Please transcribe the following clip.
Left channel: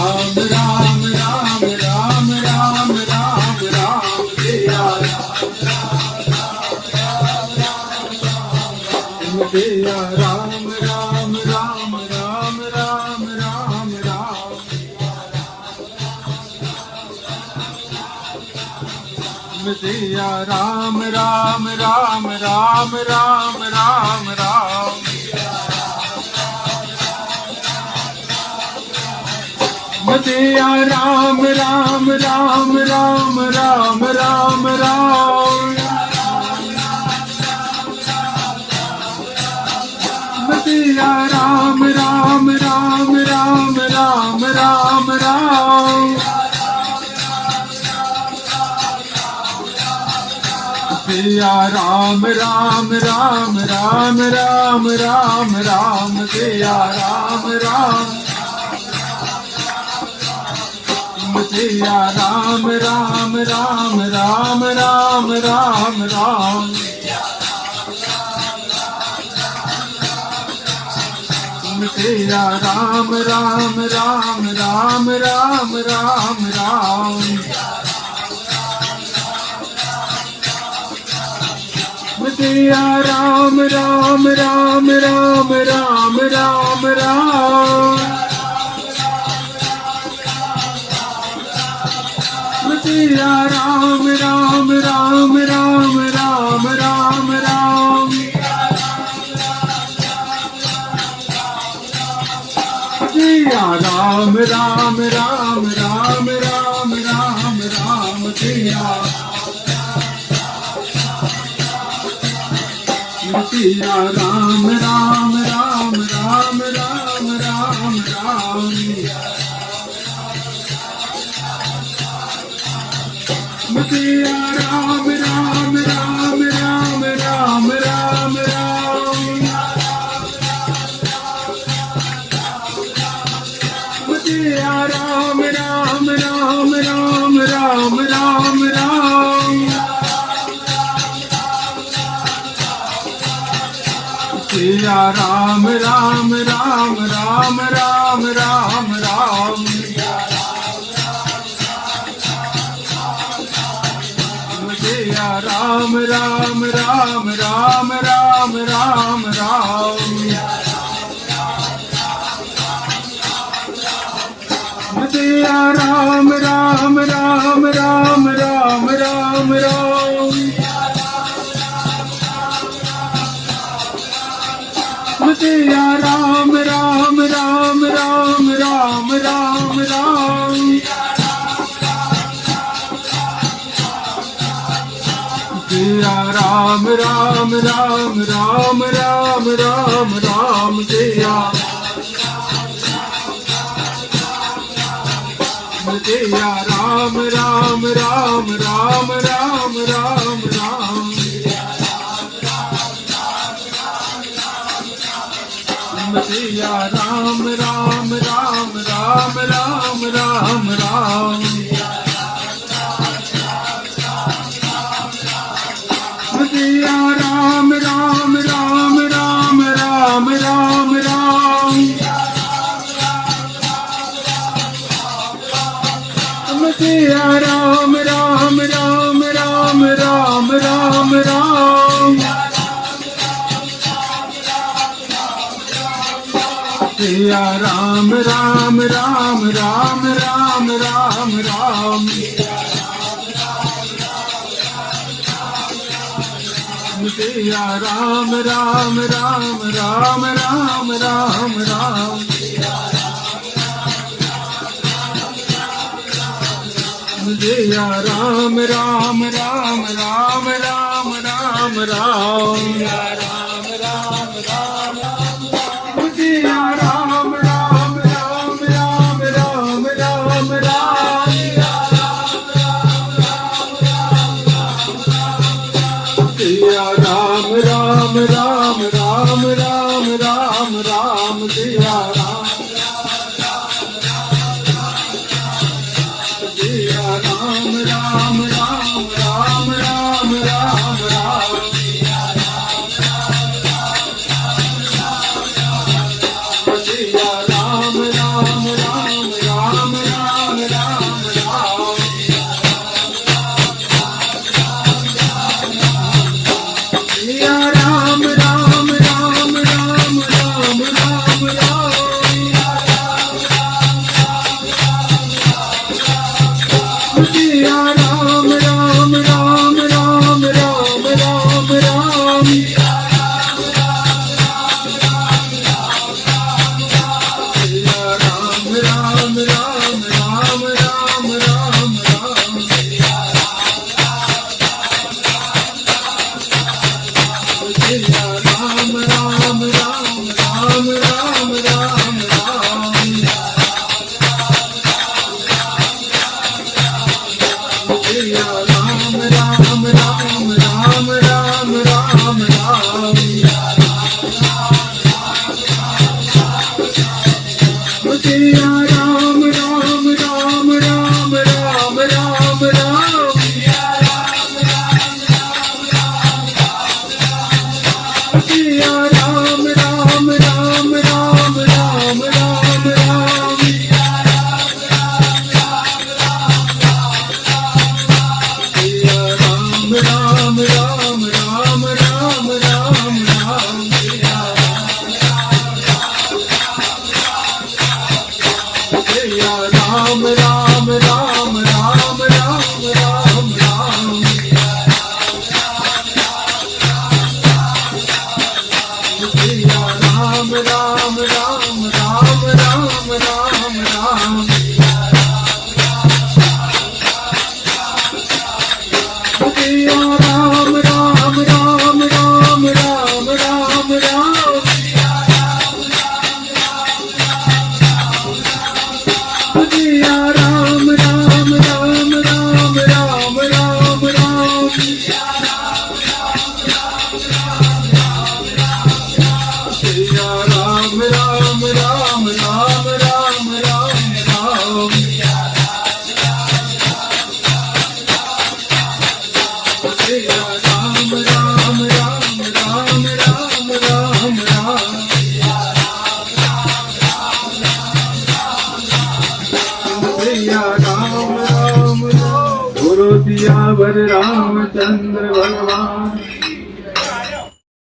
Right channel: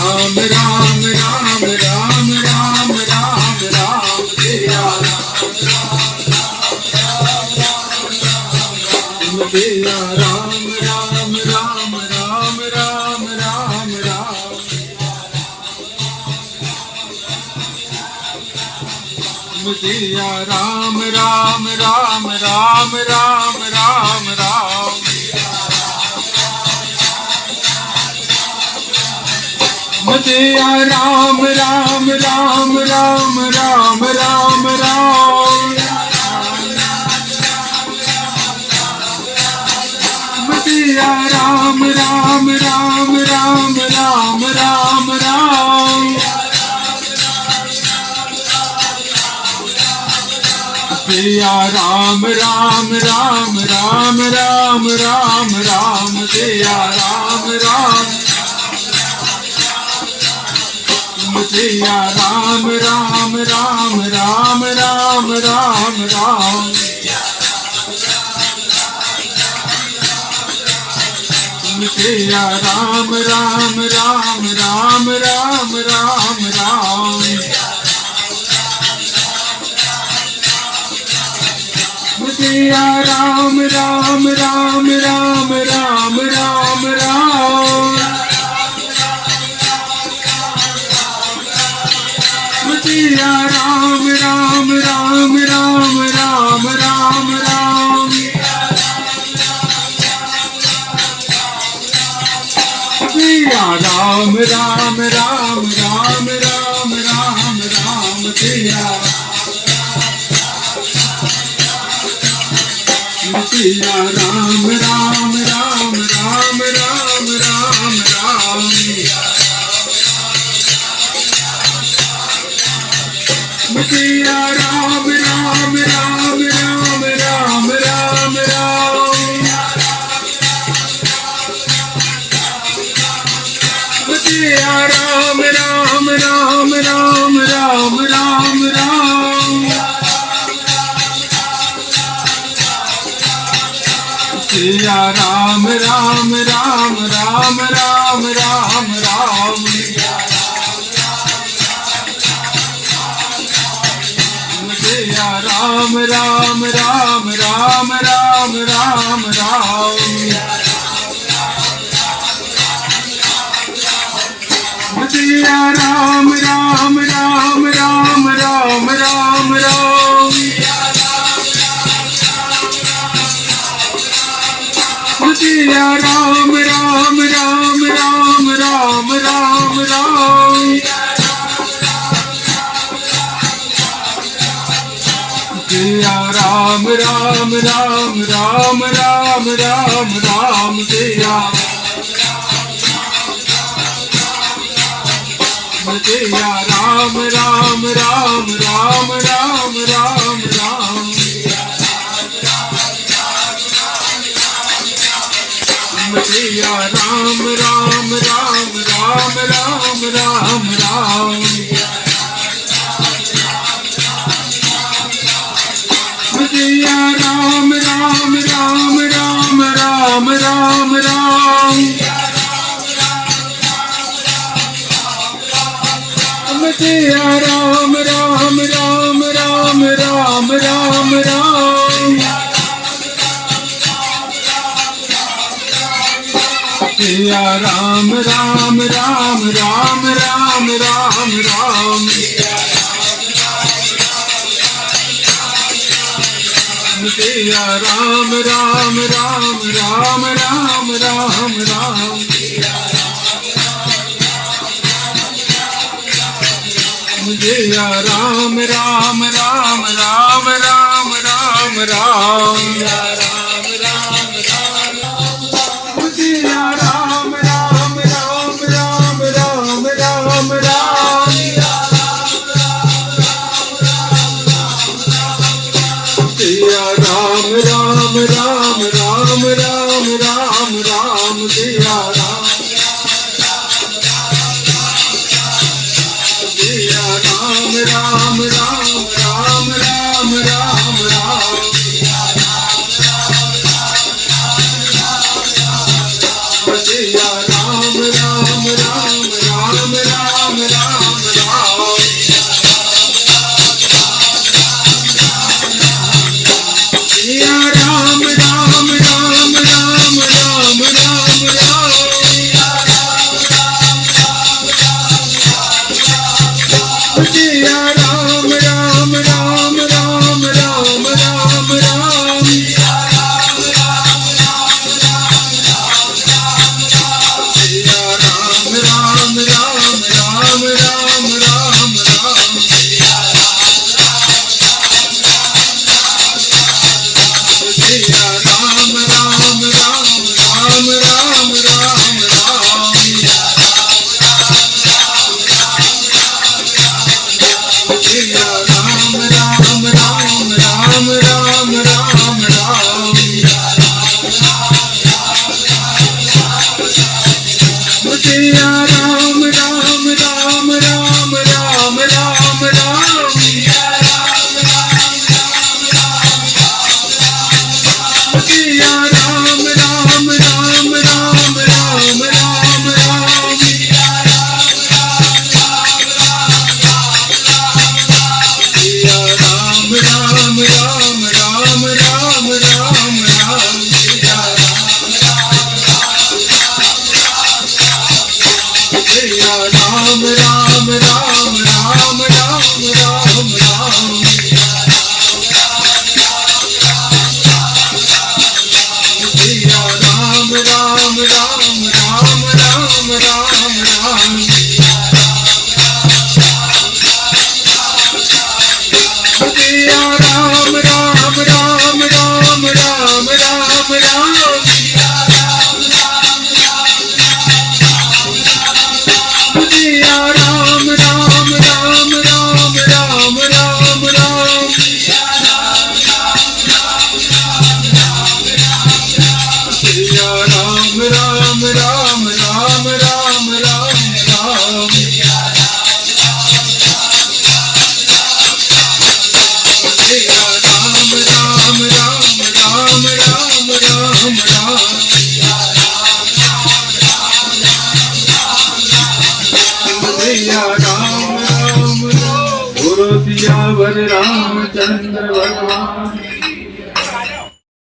राम राम राम राम राम राम राम सिया सिया राम राम राम राम राम राम राम सिया राम राम राम राम राम राम राम सिया राम राम राम राम राम राम राम सिया राम राम राम राम राम राम राम सिया राम राम राम राम राम राम राम सिया राम राम सिया राम राम राम राम राम राम राम सिया राम राम राम राम राम राम राम सिया राम राम राम राम राम राम राम सिया राम राम राम राम राम राम राम सिया राम राम राम राम राम राम राम सिया सिया राम राम राम राम राम राम राम सिया राम राम राम राम राम राम राम सिया राम राम राम राम राम राम राम सिया राम राम राम राम राम राम राम सिया राम राम राम राम राम राम राम सिया राम राम राम राम राम राम राम सिया राम राम राम राम राम राम राम सिया राम राम राम राम राम राम राम सिया सिया राम राम राम राम राम राम राम सिया राम राम राम राम राम राम राम सिया राम राम राम राम राम राम राम सिया राम राम राम राम राम राम राम सिया राम राम राम राम राम राम राम सिया राम राम राम राम राम राम राम सिया राम राम राम राम राम राम राम सिया राम राम राम राम राम राम राम सिया राम राम राम राम राम राम राम सिया राम सिया राम राम राम राम राम राम राम सिया राम राम राम राम આવતી